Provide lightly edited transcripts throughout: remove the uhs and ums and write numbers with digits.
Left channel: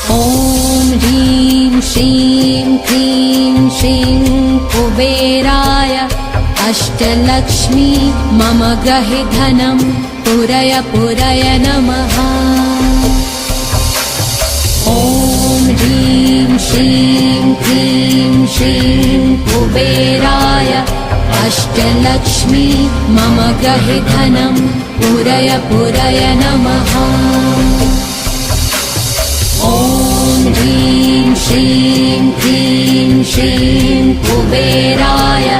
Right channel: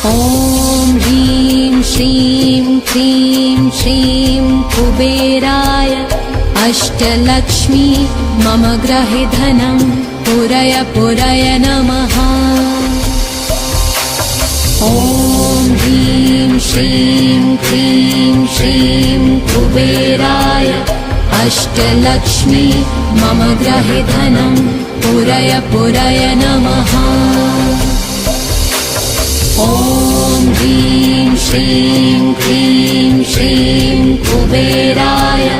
ॐ ह्रीं श्रीं क्लीं श्रीं कुबेराय अष्टलक्ष्मी मम गृहे धनं पूरय पूरय नमः। ॐ ह्रीं श्रीं क्लीं श्रीं कुबेराय अष्टलक्ष्मी मम गृहे धनं पूरय पूरय नमः। ॐ ह्रीं श्रीं क्लीं श्रीं कुबेराय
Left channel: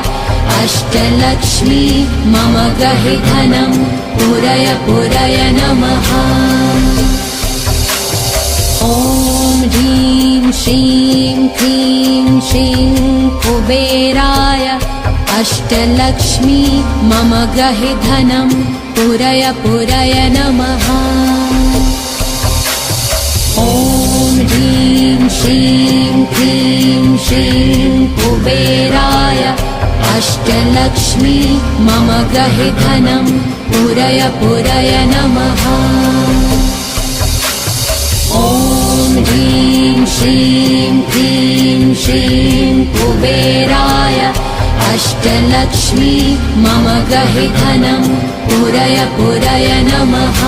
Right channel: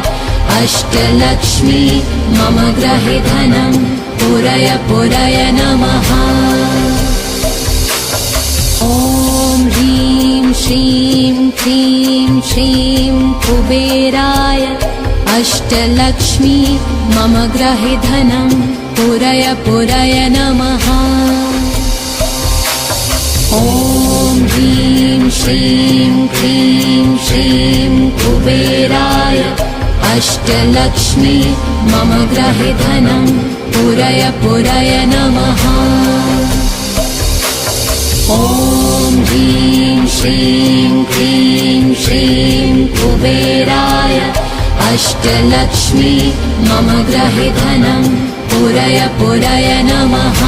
अष्टलक्ष्मी मम गृहे धनं पूरय पूरय नमः। ॐ ह्रीं श्रीं क्लीं श्रीं कुबेराय अष्टलक्ष्मी मम गृहे धनं पूरय पूरय नमः। ॐ ह्रीं श्रीं क्लीं श्रीं कुबेराय अष्टलक्ष्मी मम गृहे धनं पूरय पूरय नमः। ॐ ह्रीं श्रीं क्लीं श्रीं कुबेराय अष्टलक्ष्मी मम गृहे धनं पूरय पूरय नमः।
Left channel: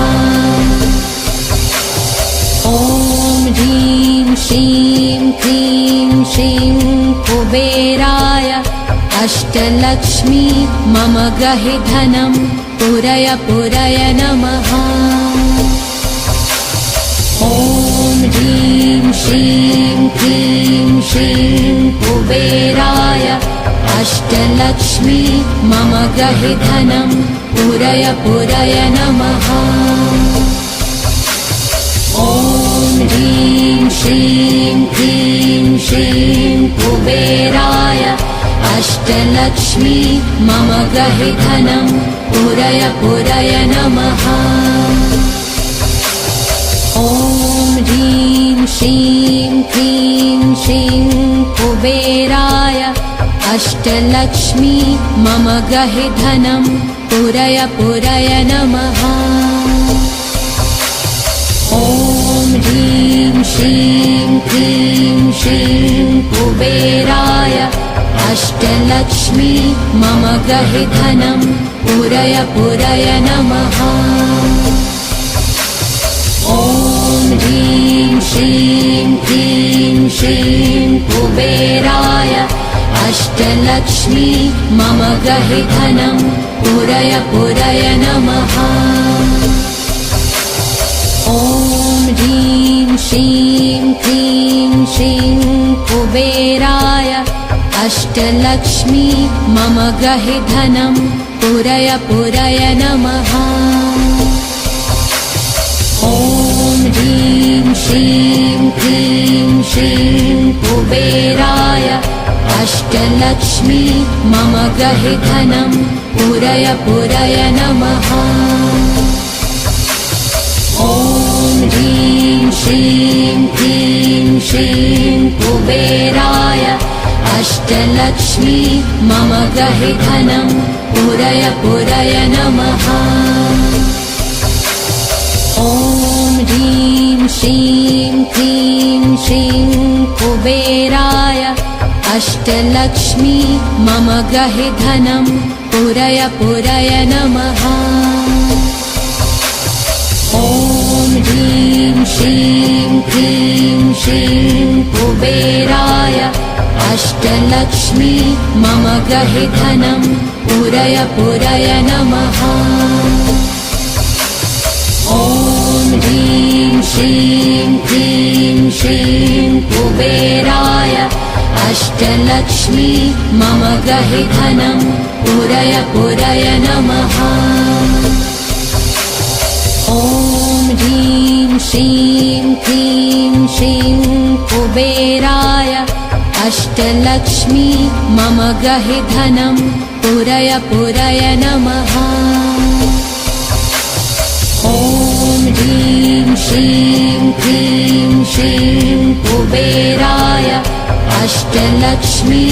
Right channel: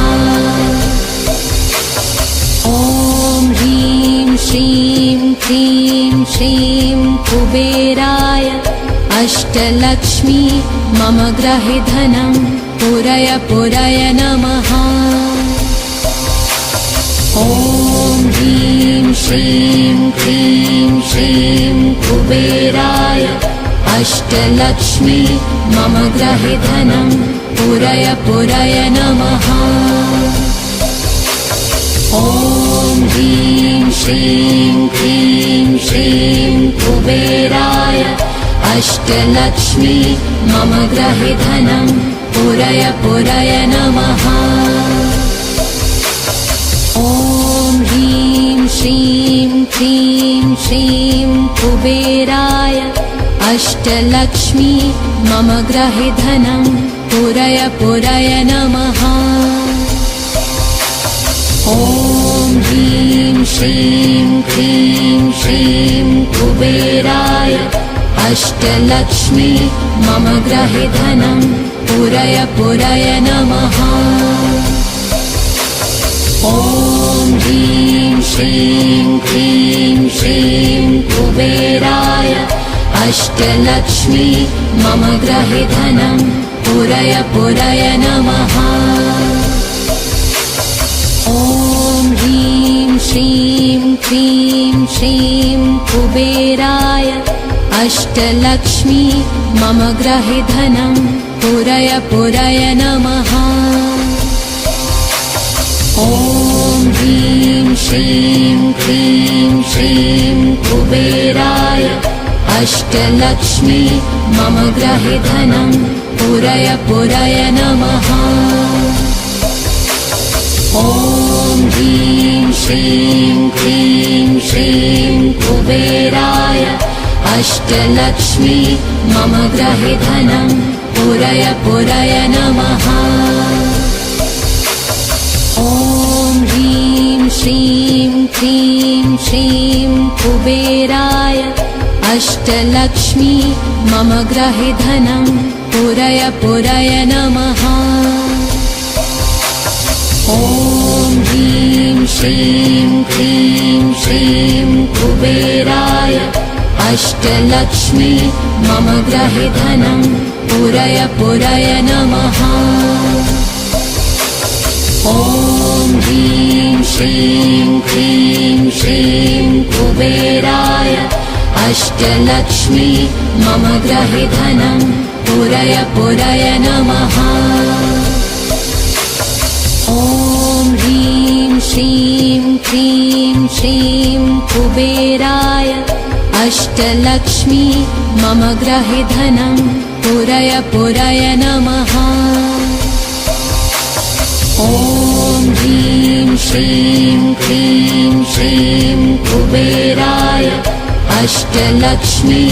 ॐ ह्रीं श्रीं क्लीं श्रीं कुबेराय अष्टलक्ष्मी मम गृहे धनं पूरय पूरय नमः। ॐ ह्रीं श्रीं क्लीं श्रीं कुबेराय अष्टलक्ष्मी मम गृहे धनं पूरय पूरय नमः। ॐ ह्रीं श्रीं क्लीं श्रीं कुबेराय अष्टलक्ष्मी मम गृहे धनं पूरय पूरय नमः। ॐ ह्रीं श्रीं क्लीं श्रीं कुबेराय अष्टलक्ष्मी मम गृहे धनं पूरय पूरय नमः। ॐ ह्रीं श्रीं क्लीं श्रीं कुबेराय अष्टलक्ष्मी मम गृहे धनं पूरय पूरय नमः। ॐ ह्रीं श्रीं क्लीं श्रीं कुबेराय अष्टलक्ष्मी मम गृहे धनं पूरय पूरय नमः। ॐ ह्रीं श्रीं क्लीं श्रीं कुबेराय अष्टलक्ष्मी मम गृहे धनं पूरय पूरय नमः। ॐ ह्रीं श्रीं क्लीं श्रीं कुबेराय अष्टलक्ष्मी मम गृहे धनं पूरय पूरय नमः। ॐ ह्रीं श्रीं क्लीं श्रीं कुबेराय अष्टलक्ष्मी मम गृहे धनं पूरय पूरय नमः। ॐ ह्रीं श्रीं क्लीं श्रीं कुबेराय अष्टलक्ष्मी मम गृहे धनं पूरय पूरय नमः। ॐ ह्रीं श्रीं क्लीं श्रीं कुबेराय अष्टलक्ष्मी मम गृहे धनं पूरय पूरय नमः। ॐ ह्रीं श्रीं क्लीं श्रीं कुबेराय अष्टलक्ष्मी मम गृहे धनं पूरय पूरय नमः। ॐ ह्रीं श्रीं क्लीं श्रीं कुबेराय अष्टलक्ष्मी मम गृहे धनं पूरय पूरय नमः। ॐ ह्रीं श्रीं क्लीं श्रीं कुबेराय अष्टलक्ष्मी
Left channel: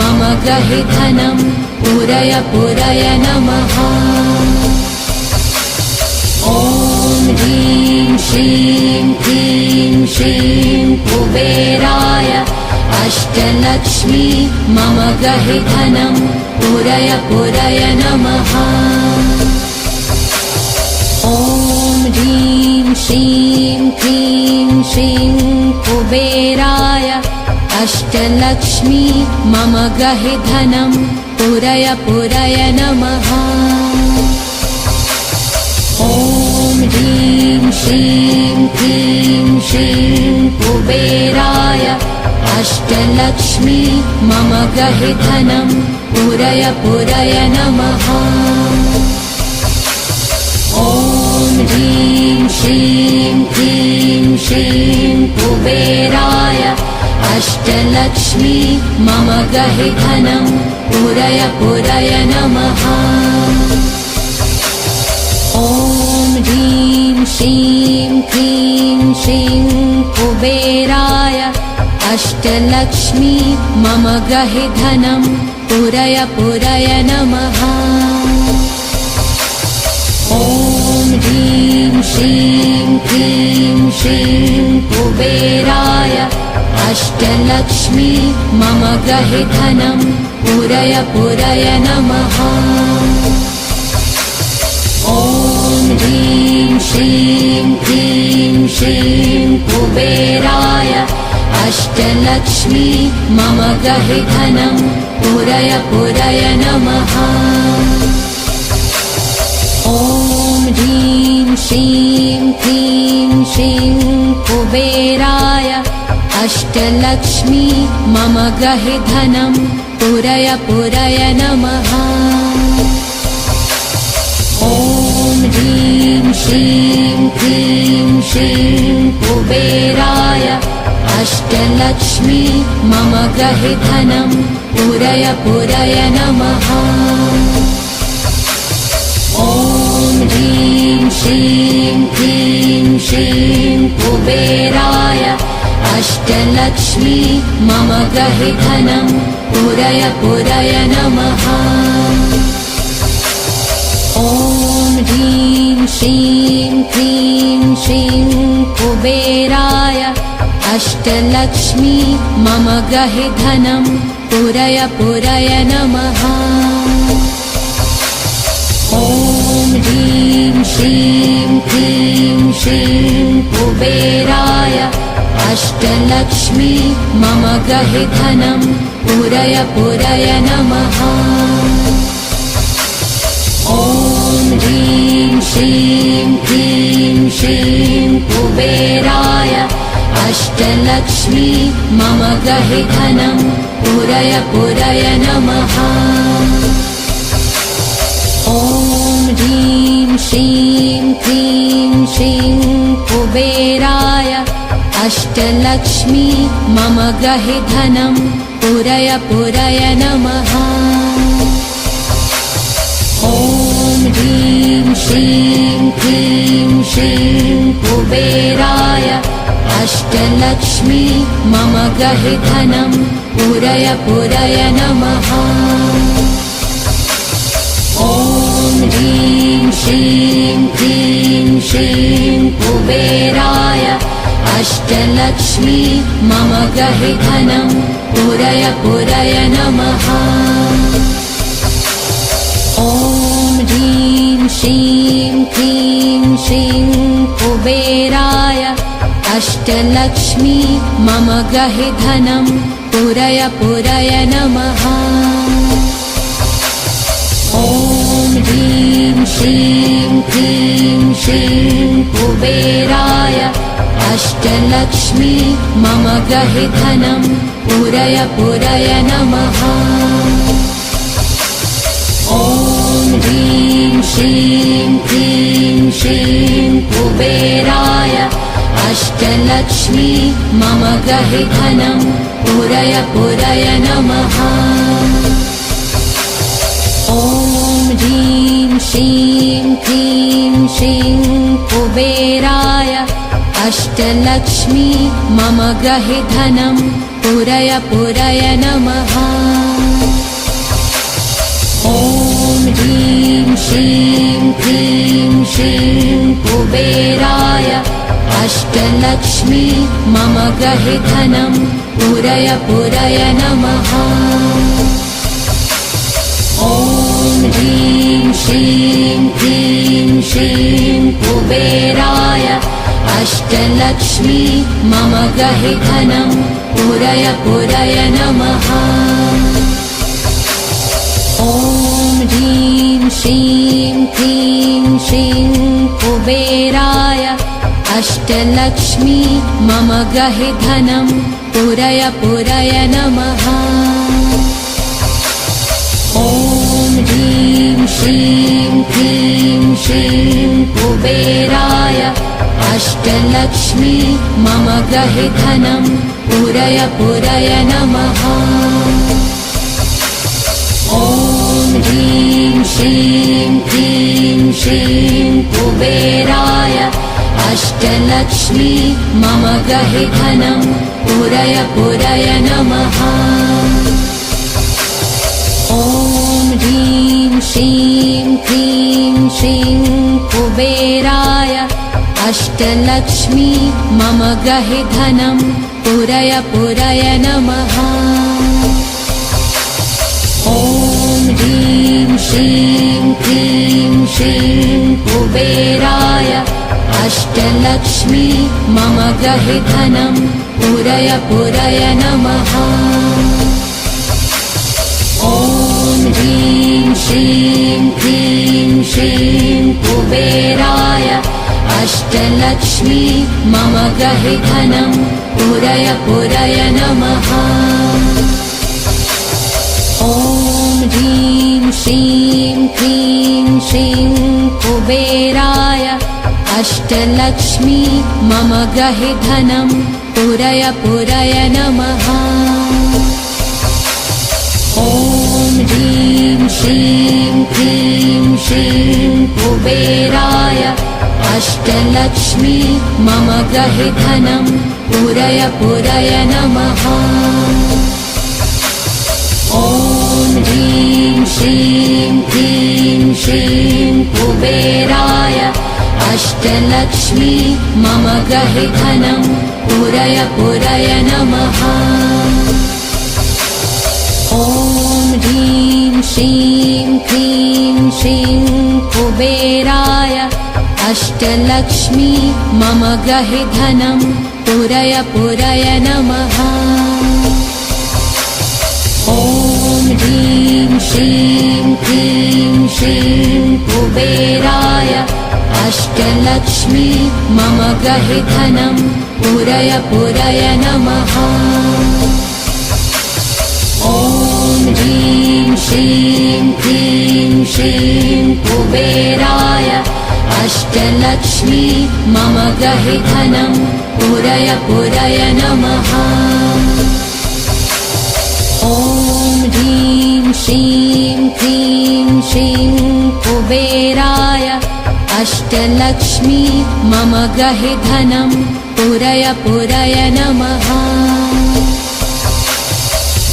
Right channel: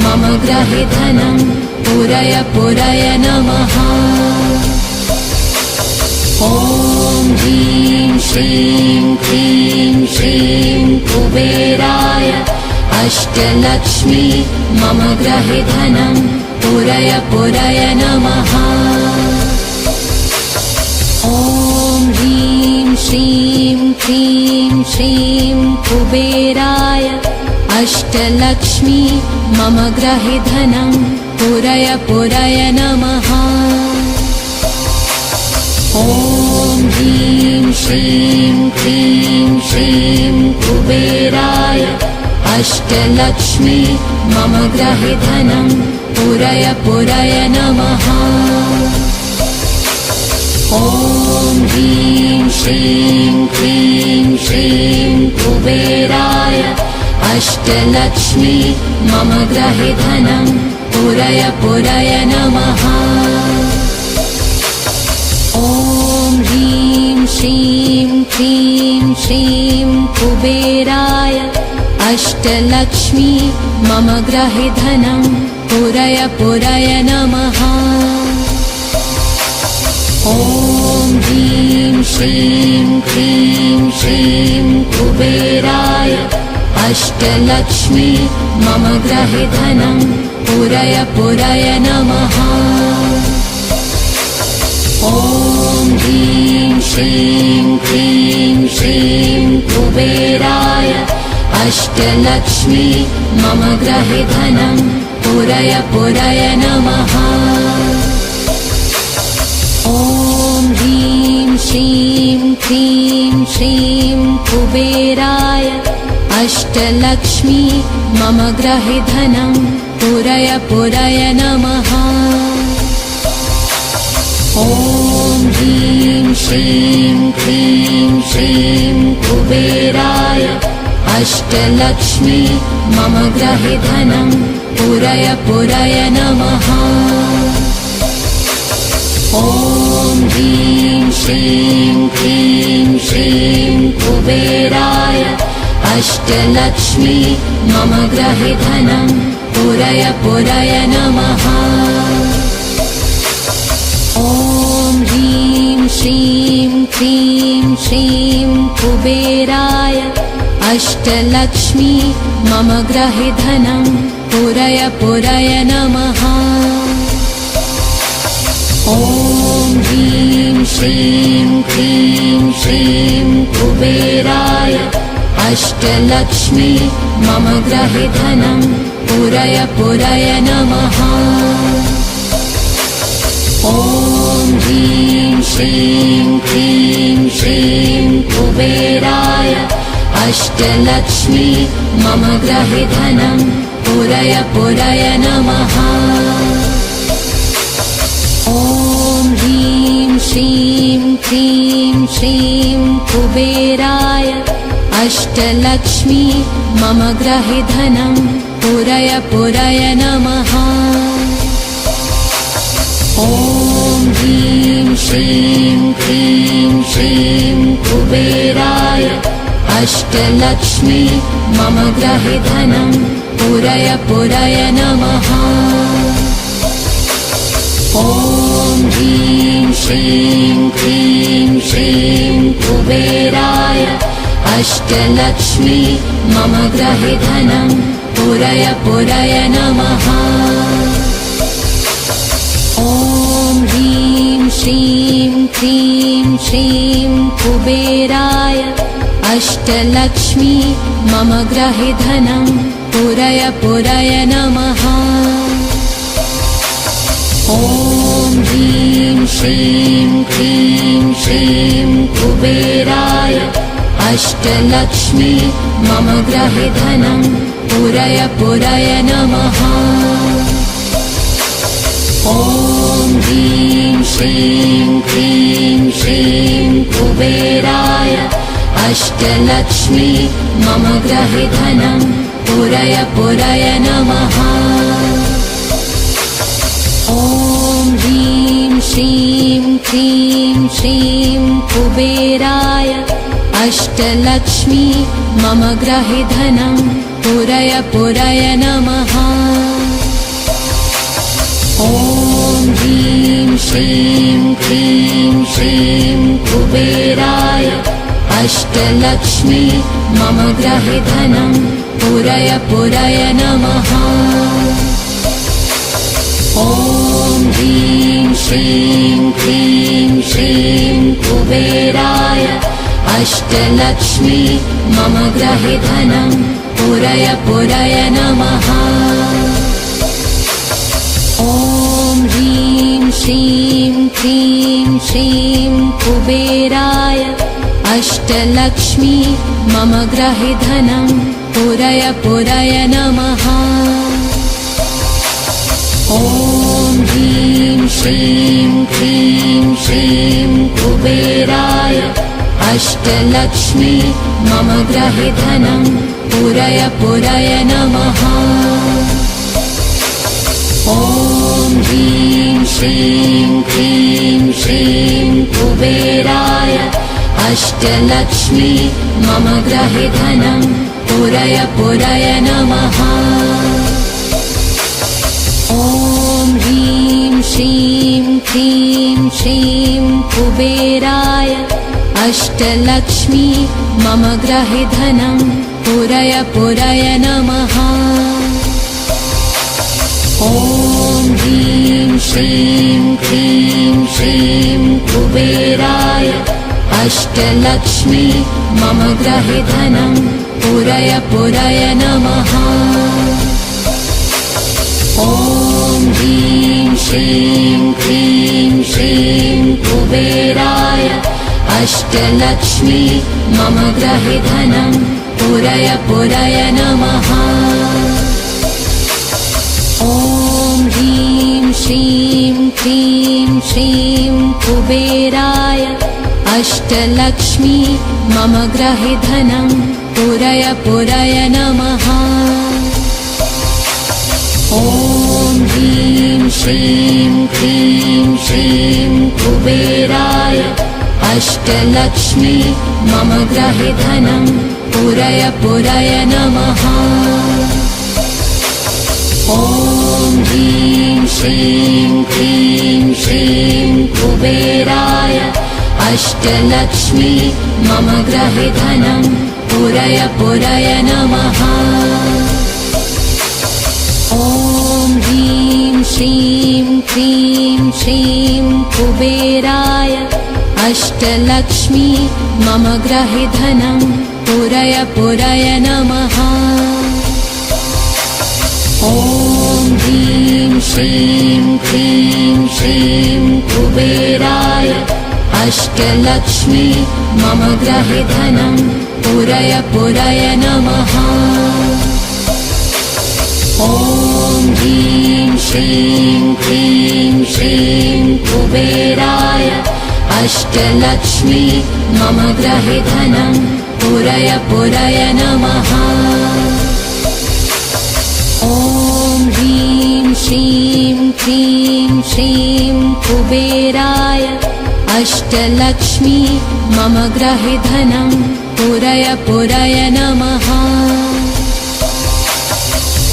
मम गृहे धनं पूरय पूरय नमः। ॐ ह्रीं श्रीं क्लीं श्रीं अष्टलक्ष्मी मम गृहे धनं पूरय पूरय नमः। ॐ ह्रीं श्रीं क्लीं श्रीं कुबेराय अष्टलक्ष्मी मम गृहे धनं पूरय पूरय नमः। ॐ ह्रीं श्रीं क्लीं श्रीं कुबेराय अष्टलक्ष्मी मम गृहे धनं पूरय पूरय नमः। ॐ ह्रीं श्रीं क्लीं श्रीं कुबेराय अष्टलक्ष्मी मम गृहे धनं पूरय पूरय नमः। ॐ ह्रीं श्रीं क्लीं श्रीं कुबेराय अष्टलक्ष्मी मम गृहे धनं पूरय पूरय नमः। ॐ ह्रीं श्रीं क्लीं श्रीं कुबेराय अष्टलक्ष्मी मम गृहे धनं पूरय पूरय नमः। ॐ ह्रीं श्रीं क्लीं श्रीं कुबेराय अष्टलक्ष्मी मम गृहे धनं पूरय पूरय नमः। ॐ ह्रीं श्रीं क्लीं श्रीं कुबेराय अष्टलक्ष्मी मम गृहे धनं पूरय पूरय नमः। ॐ ह्रीं श्रीं क्लीं श्रीं कुबेराय अष्टलक्ष्मी मम गृहे धनं पूरय पूरय नमः। ॐ ह्रीं श्रीं क्लीं श्रीं कुबेराय अष्टलक्ष्मी मम गृहे धनं पूरय पूरय नमः। ॐ ह्रीं श्रीं क्लीं श्रीं कुबेराय अष्टलक्ष्मी मम गृहे धनं पूरय पूरय नमः। ॐ ह्रीं श्रीं क्लीं श्रीं कुबेराय अष्टलक्ष्मी मम गृहे धनं पूरय पूरय नमः। ॐ ह्रीं श्रीं क्लीं श्रीं कुबेराय अष्टलक्ष्मी मम गृहे धनं पूरय पूरय नमः। ॐ ह्रीं श्रीं क्लीं श्रीं कुबेराय अष्टलक्ष्मी मम गृहे धनं पूरय पूरय नमः। ॐ ह्रीं श्रीं क्लीं श्रीं कुबेराय अष्टलक्ष्मी मम गृहे धनं पूरय पूरय नमः। ॐ ह्रीं श्रीं क्लीं श्रीं कुबेराय अष्टलक्ष्मी मम गृहे धनं पूरय पूरय नमः। ॐ ह्रीं श्रीं क्लीं श्रीं कुबेराय अष्टलक्ष्मी मम गृहे धनं पूरय पूरय नमः। ॐ ह्रीं श्रीं क्लीं श्रीं कुबेराय अष्टलक्ष्मी मम गृहे धनं पूरय पूरय नमः। ॐ ह्रीं श्रीं क्लीं श्रीं कुबेराय अष्टलक्ष्मी मम गृहे धनं पूरय पूरय नमः। ॐ ह्रीं श्रीं क्लीं श्रीं कुबेराय अष्टलक्ष्मी मम गृहे धनं पूरय पूरय नमः। ॐ ह्रीं श्रीं क्लीं श्रीं कुबेराय अष्टलक्ष्मी मम ग्रहे धनं पूरय पूरय नमः। ॐ ह्रीं श्रीं क्लीं श्रीं कुबेराय अष्टलक्ष्मी मम ग्रहे धनं पूरय पूरय नमः। ॐ ह्रीं श्रीं क्लीं श्रीं कुबेराय अष्टलक्ष्मी मम ग्रहे धनं पूरय पूरय नमः। ॐ ह्रीं श्रीं क्लीं श्रीं कुबेराय अष्टलक्ष्मी मम ग्रहे धनं पूरय पूरय नमः। ॐ ह्रीं श्रीं क्लीं श्रीं कुबेराय अष्टलक्ष्मी मम ग्रहे धनं पूरय पूरय नमः। ॐ ह्रीं श्रीं क्लीं श्रीं कुबेराय अष्टलक्ष्मी मम ग्रहे धनं पूरय पूरय नमः। ॐ ह्रीं श्रीं क्लीं श्रीं कुबेराय अष्टलक्ष्मी मम ग्रहे धनं पूरय पूरय नमः। ॐ ह्रीं श्रीं क्लीं श्रीं कुबेराय अष्टलक्ष्मी मम ग्रहे धनं पूरय पूरय नमः। ॐ ह्रीं श्रीं क्लीं श्रीं कुबेराय अष्टलक्ष्मी मम ग्रहे धनं पूरय पूरय नमः। ॐ ह्रीं श्रीं क्लीं श्रीं कुबेराय अष्टलक्ष्मी मम ग्रहे धनं पूरय पूरय नमः। ॐ ह्रीं श्रीं क्लीं श्रीं कुबेराय अष्टलक्ष्मी मम ग्रहे धनं पूरय पूरय नमः। ॐ ह्रीं श्रीं क्लीं श्रीं कुबेराय अष्टलक्ष्मी मम ग्रहे धनं पूरय पूरय नमः। ॐ ह्रीं श्रीं क्लीं श्रीं कुबेराय अष्टलक्ष्मी मम ग्रहे धनं पूरय पूरय नमः। ॐ ह्रीं श्रीं क्लीं श्रीं कुबेराय अष्टलक्ष्मी मम ग्रहे धनं पूरय पूरय नमः। ॐ ह्रीं श्रीं क्लीं श्रीं कुबेराय अष्टलक्ष्मी मम ग्रहे धनं पूरय पूरय नमः।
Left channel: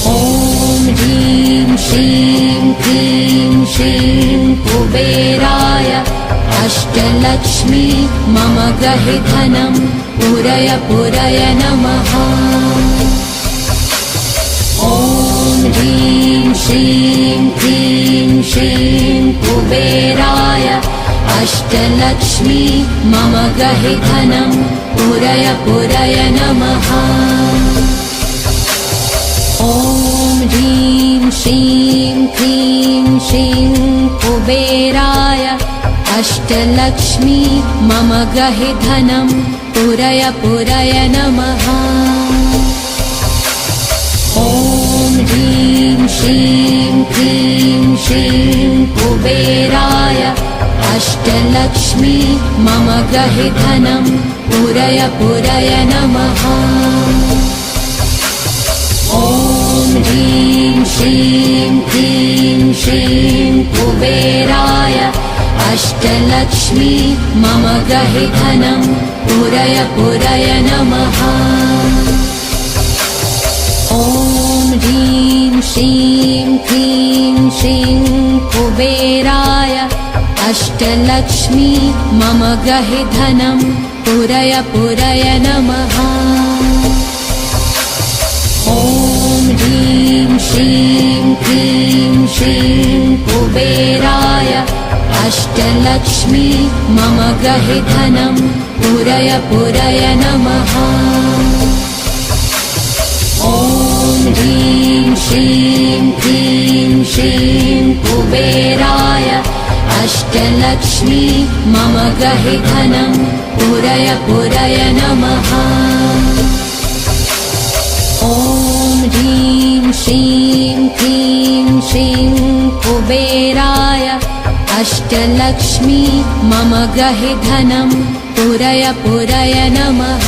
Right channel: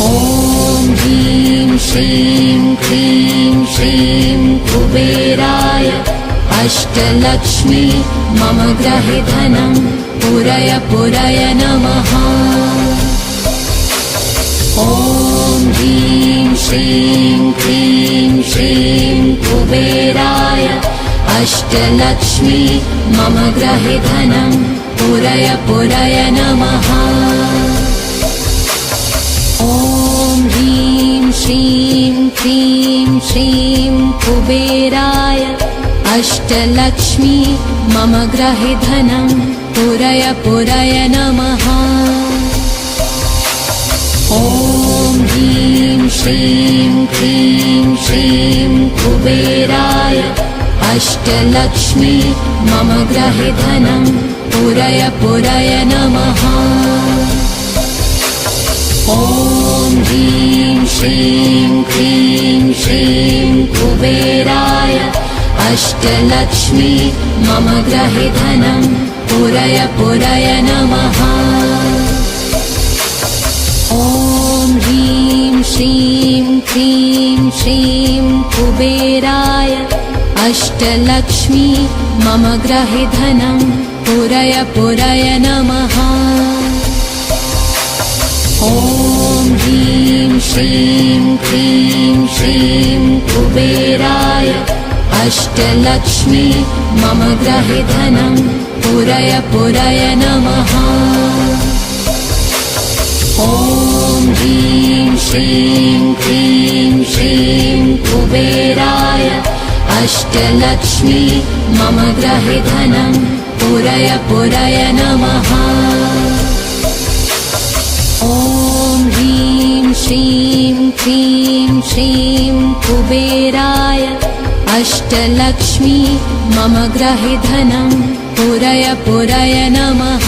ॐ ह्रीं श्रीं क्लीं श्रीं कुबेराय अष्टलक्ष्मी मम ग्रहे धनं पूरय पूरय नमः। ॐ ह्रीं श्रीं क्लीं श्रीं कुबेराय अष्टलक्ष्मी मम ग्रहे धनं पूरय पूरय नमः। ॐ ह्रीं श्रीं क्लीं श्रीं कुबेराय अष्टलक्ष्मी मम ग्रहे धनं पूरय पूरय नमः। ॐ ह्रीं श्रीं क्लीं श्रीं कुबेराय अष्टलक्ष्मी मम ग्रहे धनं पूरय पूरय नमः। ॐ ह्रीं श्रीं क्लीं श्रीं कुबेराय अष्टलक्ष्मी मम ग्रहे धनं पूरय पूरय नमः। ॐ ह्रीं श्रीं क्लीं श्रीं कुबेराय अष्टलक्ष्मी मम ग्रहे धनं पूरय पूरय नमः। ॐ ह्रीं श्रीं क्लीं श्रीं कुबेराय अष्टलक्ष्मी मम गृहे धनं पूरय पूरय नमः। ॐ ह्रीं श्रीं क्लीं श्रीं कुबेराय अष्टलक्ष्मी मम गृहे धनं पूरय पूरय नमः। ॐ ह्रीं श्रीं क्लीं श्रीं कुबेराय अष्टलक्ष्मी मम गृहे धनं पूरय पूरय नमः।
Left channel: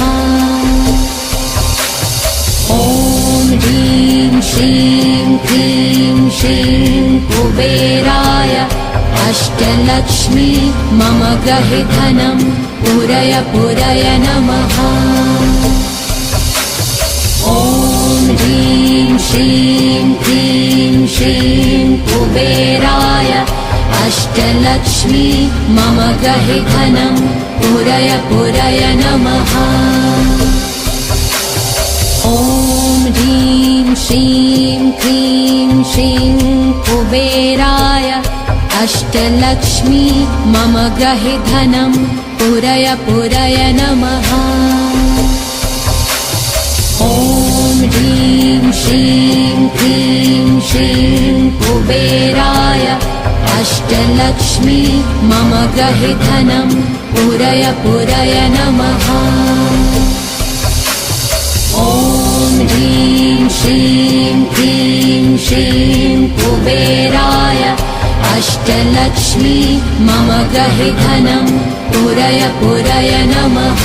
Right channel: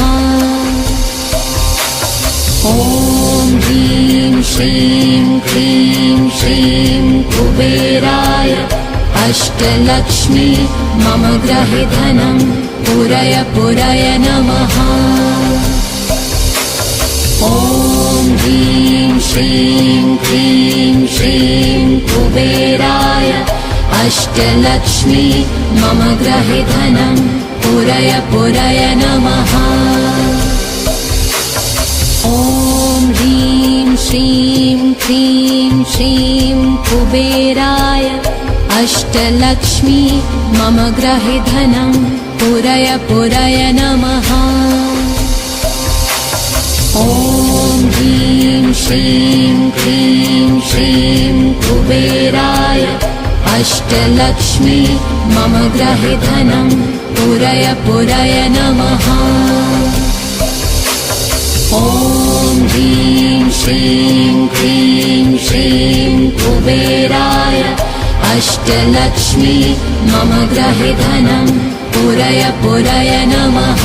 ॐ ह्रीं श्रीं क्लीं श्रीं कुबेराय अष्टलक्ष्मी मम गृहे धनं पूरय पूरय नमः। ॐ ह्रीं श्रीं क्लीं श्रीं कुबेराय अष्टलक्ष्मी मम गृहे धनं पूरय पूरय नमः। ॐ ह्रीं श्रीं क्लीं श्रीं कुबेराय अष्टलक्ष्मी मम गृहे धनं पूरय पूरय नमः। ॐ ह्रीं श्रीं क्लीं श्रीं कुबेराय अष्टलक्ष्मी मम गृहे धनं पूरय पूरय नमः। ॐ ह्रीं श्रीं क्लीं श्रीं कुबेराय अष्टलक्ष्मी मम गृहे धनं पूरय पूरय नमः।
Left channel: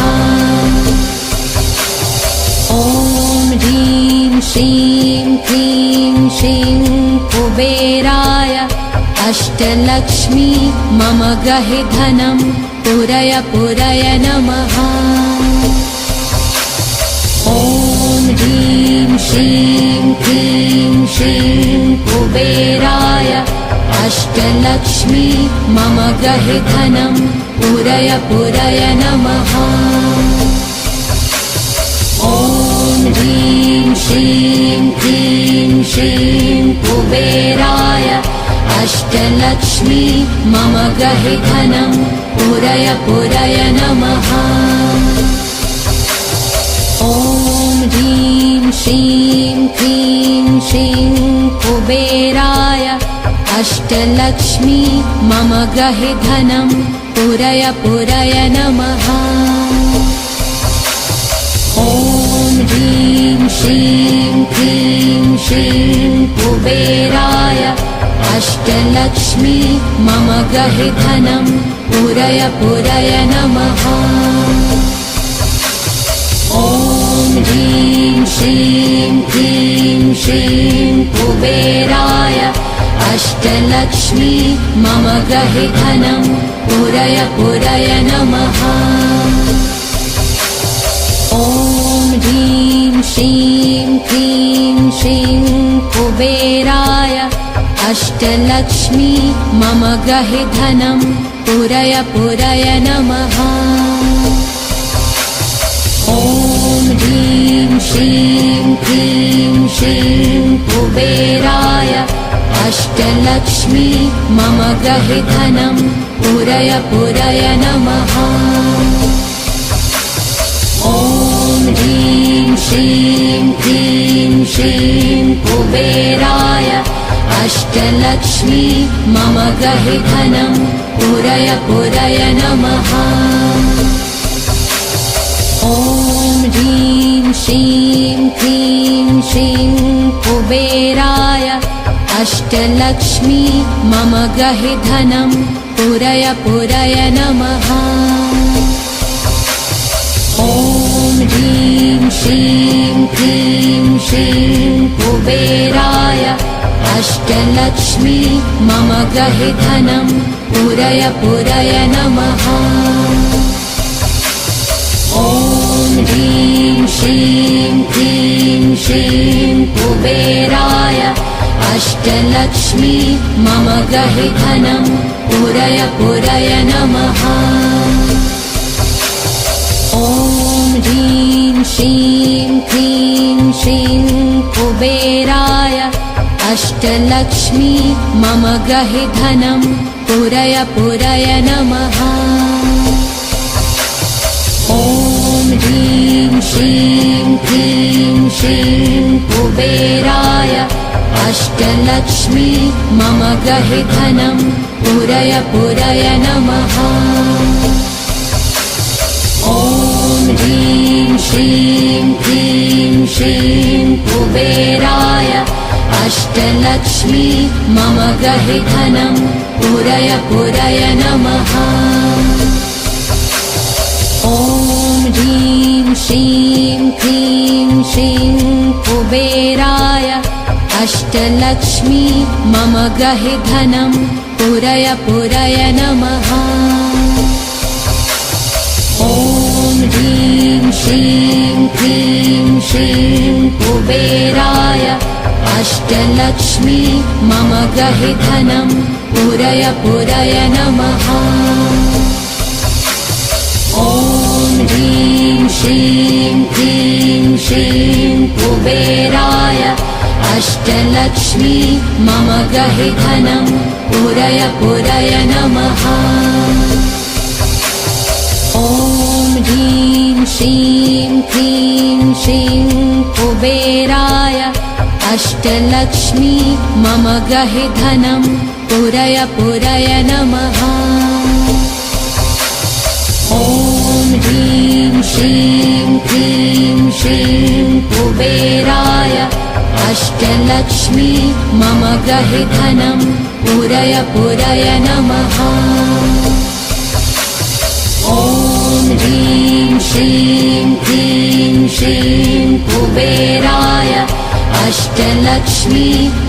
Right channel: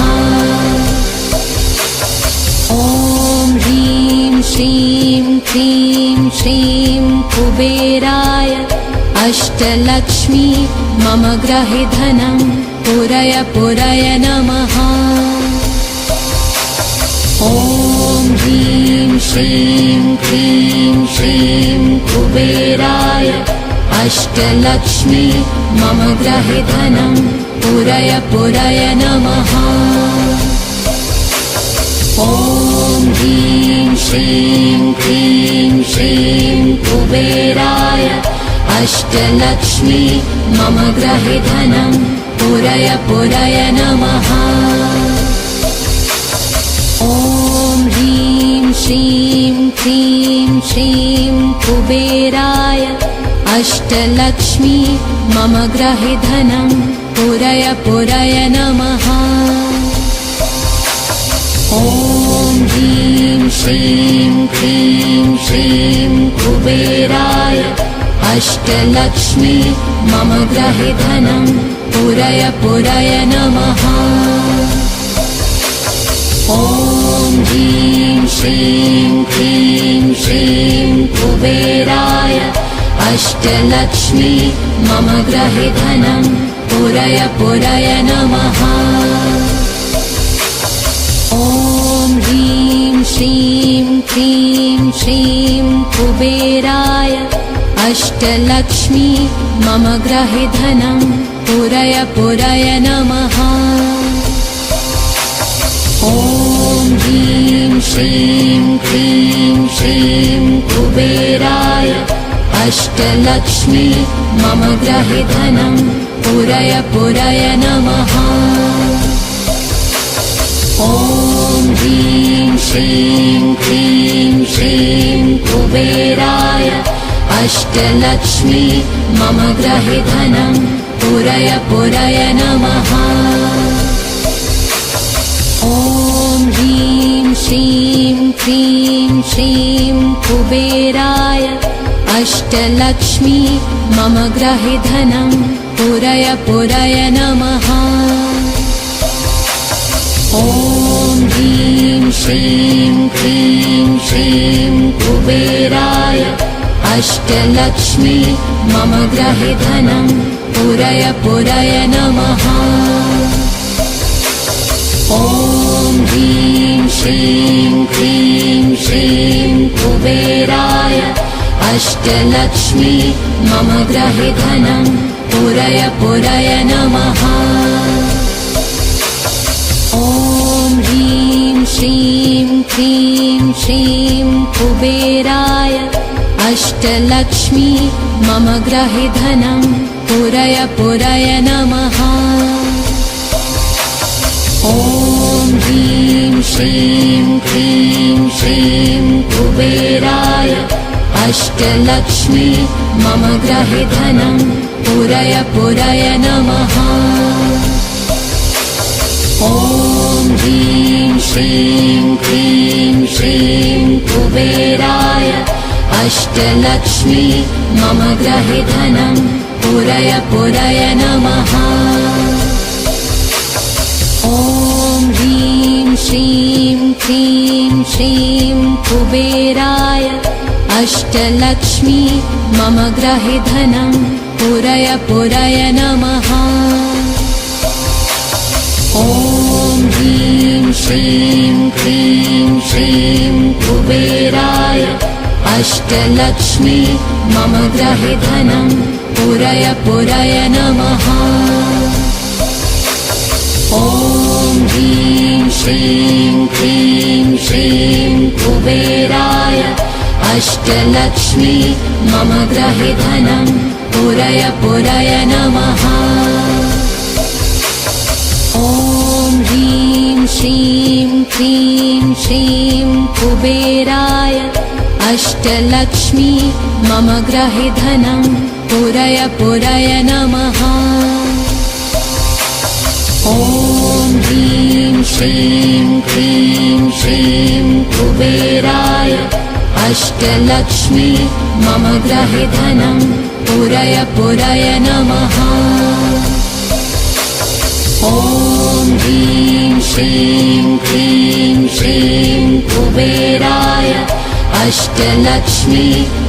ॐ ह्रीं श्रीं क्लीं श्रीं कुबेराय अष्टलक्ष्मी मम गृहे धनं पूरय पूरय नमः। ॐ ह्रीं श्रीं क्लीं श्रीं कुबेराय अष्टलक्ष्मी मम गृहे धनं पूरय पूरय नमः। ॐ ह्रीं श्रीं क्लीं श्रीं कुबेराय अष्टलक्ष्मी मम गृहे धनं पूरय पूरय नमः। ॐ ह्रीं श्रीं क्लीं श्रीं कुबेराय अष्टलक्ष्मी मम गृहे धनं पूरय पूरय नमः। ॐ ह्रीं श्रीं क्लीं श्रीं कुबेराय अष्टलक्ष्मी मम गृहे धनं पूरय पूरय नमः। ॐ ह्रीं श्रीं क्लीं श्रीं कुबेराय अष्टलक्ष्मी मम गृहे धनं पूरय पूरय नमः। ॐ ह्रीं श्रीं क्लीं श्रीं कुबेराय अष्टलक्ष्मी मम गृहे धनं पूरय पूरय नमः। ॐ ह्रीं श्रीं क्लीं श्रीं कुबेराय अष्टलक्ष्मी मम गृहे धनं पूरय पूरय नमः। ॐ ह्रीं श्रीं क्लीं श्रीं कुबेराय अष्टलक्ष्मी मम गृहे धनं पूरय पूरय नमः। ॐ ह्रीं श्रीं क्लीं श्रीं कुबेराय अष्टलक्ष्मी मम गृहे धनं पूरय पूरय नमः। ॐ ह्रीं श्रीं क्लीं श्रीं कुबेराय अष्टलक्ष्मी मम गृहे धनं पूरय पूरय नमः। ॐ ह्रीं श्रीं क्लीं श्रीं कुबेराय अष्टलक्ष्मी मम गृहे धनं पूरय पूरय नमः। ॐ श्रीं क्लीं श्रीं कुबेराय अष्टलक्ष्मी मम ग्रहे धनं पुरय पुरय नमः। ॐ ह्रीं श्रीं क्लीं श्रीं कुबेराय अष्टलक्ष्मी मम ग्रहे धनं पुरय पुरय नमः। ॐ ह्रीं श्रीं क्लीं श्रीं कुबेराय अष्टलक्ष्मी मम ग्रहे धनं पुरय पुरय नमः। ॐ ह्रीं श्रीं क्लीं श्रीं कुबेराय अष्टलक्ष्मी मम ग्रहे धनं पुरय पुरय नमः। ॐ ह्रीं श्रीं क्लीं श्रीं कुबेराय अष्टलक्ष्मी मम ग्रहे धनं पुरय पुरय नमः। ॐ ह्रीं श्रीं क्लीं श्रीं कुबेराय अष्टलक्ष्मी मम ग्रहे धनं पुरय पुरय नमः। ॐ ह्रीं श्रीं क्लीं श्रीं कुबेराय अष्टलक्ष्मी मम ग्रहे धनं पुरय पुरय नमः। ॐ ह्रीं श्रीं क्लीं श्रीं कुबेराय अष्टलक्ष्मी मम ग्रहे धनं पुरय पुरय नमः। ॐ ह्रीं श्रीं क्लीं श्रीं कुबेराय अष्टलक्ष्मी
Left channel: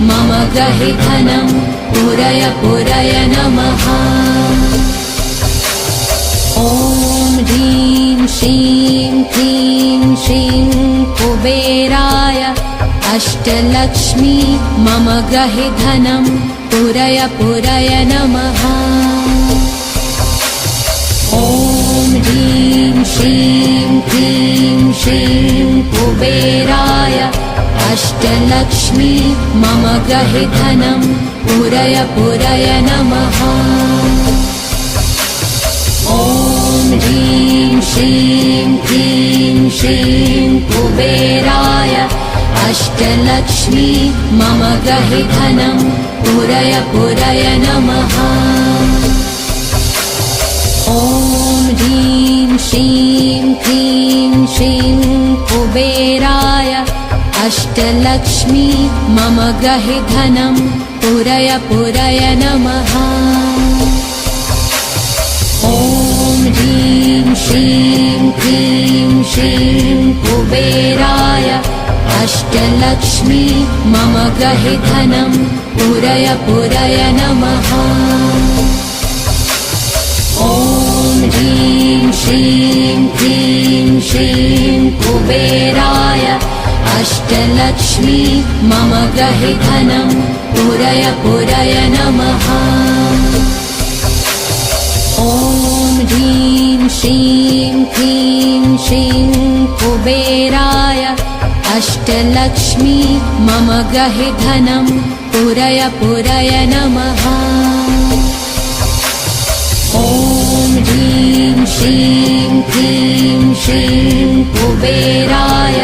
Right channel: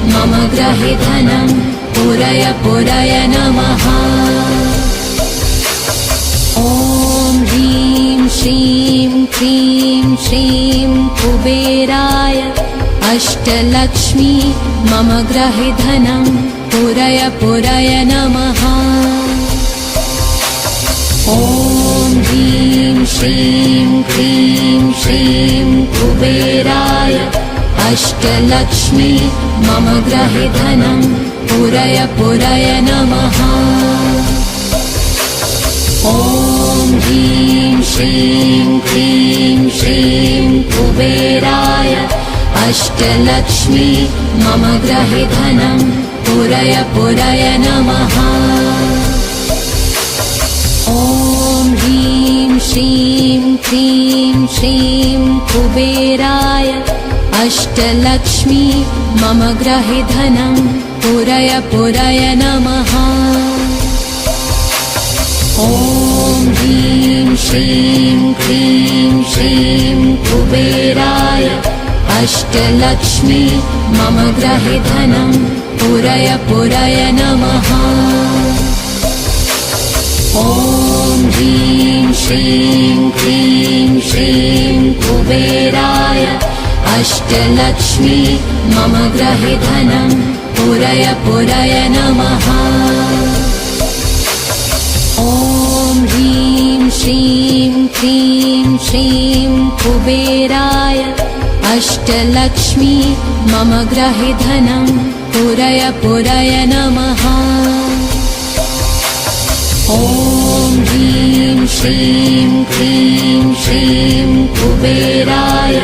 मम ग्रहे धनं पुरय पुरय नमः। ॐ ह्रीं श्रीं क्लीं श्रीं कुबेराय अष्टलक्ष्मी मम ग्रहे धनं पुरय पुरय नमः। ॐ ह्रीं श्रीं क्लीं श्रीं कुबेराय अष्टलक्ष्मी मम ग्रहे धनं पुरय पुरय नमः। ॐ ह्रीं श्रीं क्लीं श्रीं कुबेराय अष्टलक्ष्मी मम ग्रहे धनं पुरय पुरय नमः। ॐ ह्रीं श्रीं क्लीं श्रीं कुबेराय अष्टलक्ष्मी मम ग्रहे धनं पुरय पुरय नमः। ॐ ह्रीं श्रीं क्लीं श्रीं कुबेराय अष्टलक्ष्मी मम ग्रहे धनं पुरय पुरय नमः। ॐ ह्रीं श्रीं क्लीं श्रीं कुबेराय अष्टलक्ष्मी मम ग्रहे धनं पुरय पुरय नमः। ॐ ह्रीं श्रीं क्लीं श्रीं कुबेराय अष्टलक्ष्मी मम ग्रहे धनं पुरय पुरय नमः। ॐ ह्रीं श्रीं क्लीं श्रीं कुबेराय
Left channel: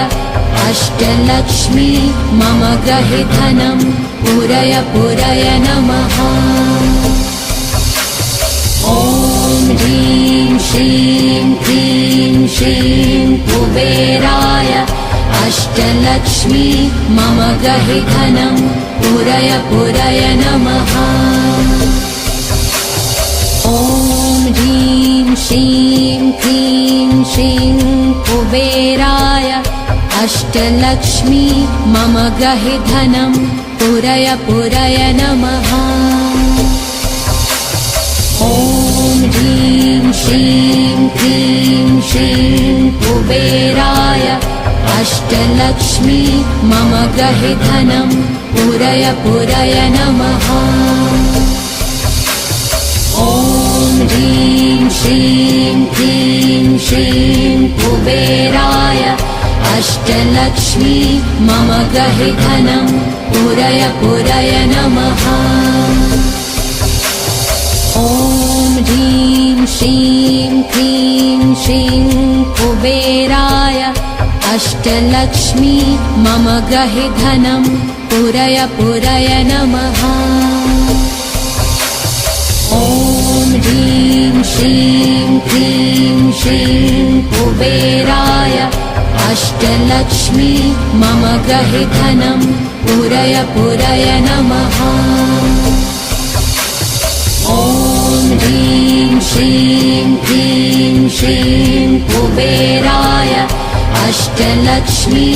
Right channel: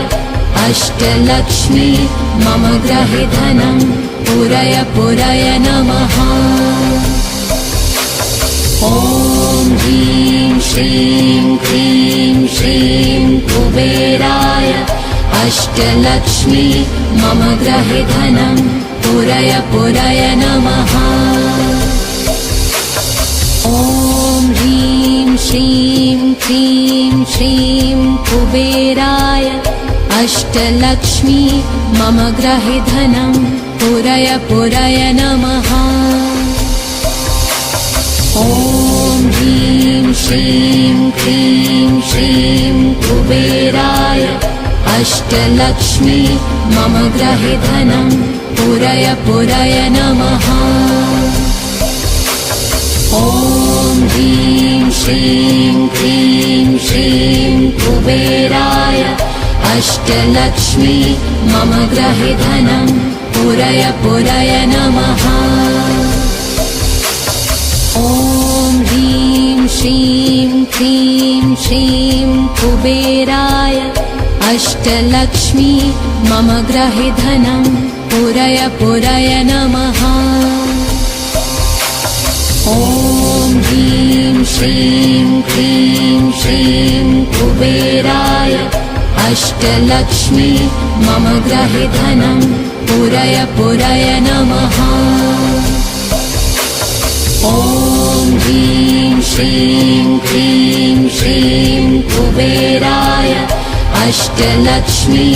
अष्टलक्ष्मी मम ग्रहे धनं पुरय पुरय नमः। ॐ ह्रीं श्रीं क्लीं श्रीं कुबेराय अष्टलक्ष्मी मम ग्रहे धनं पुरय पुरय नमः। ॐ ह्रीं श्रीं क्लीं श्रीं कुबेराय अष्टलक्ष्मी मम ग्रहे धनं पुरय पुरय नमः। ॐ ह्रीं श्रीं क्लीं श्रीं कुबेराय अष्टलक्ष्मी मम ग्रहे धनं पुरय पुरय नमः। ॐ ह्रीं श्रीं क्लीं श्रीं कुबेराय अष्टलक्ष्मी मम गृहे धनं पूरय पूरय नमः। ॐ ह्रीं श्रीं क्लीं श्रीं कुबेराय अष्टलक्ष्मी मम गृहे धनं पूरय पूरय नमः। ॐ ह्रीं श्रीं क्लीं श्रीं कुबेराय अष्टलक्ष्मी मम गृहे धनं पूरय पूरय नमः। ॐ ह्रीं श्रीं क्लीं श्रीं कुबेराय अष्टलक्ष्मी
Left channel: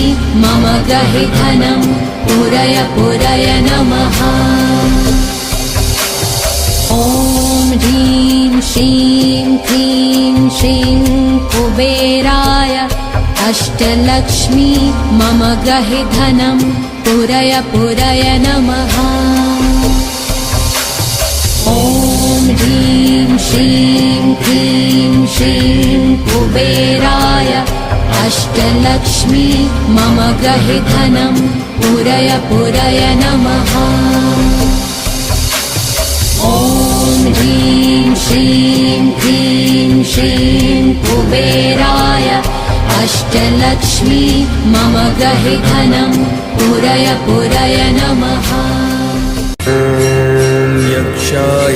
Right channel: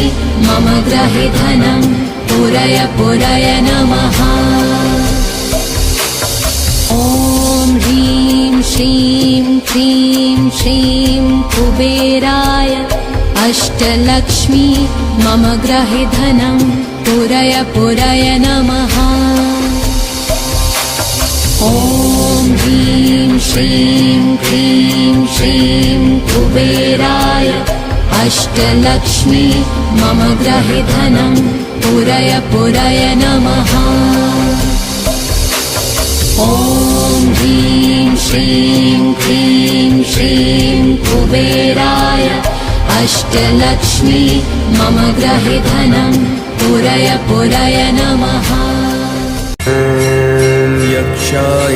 मम गृहे धनं पूरय पूरय नमः। ॐ ह्रीं श्रीं क्लीं श्रीं कुबेराय अष्टलक्ष्मी मम गृहे धनं पूरय पूरय नमः। ॐ ह्रीं श्रीं क्लीं श्रीं कुबेराय अष्टलक्ष्मी मम गृहे धनं पूरय पूरय नमः। ॐ ह्रीं श्रीं क्लीं श्रीं कुबेराय अष्टलक्ष्मी मम गृहे धनं पूरय पूरय नमः। ॐ यक्षाय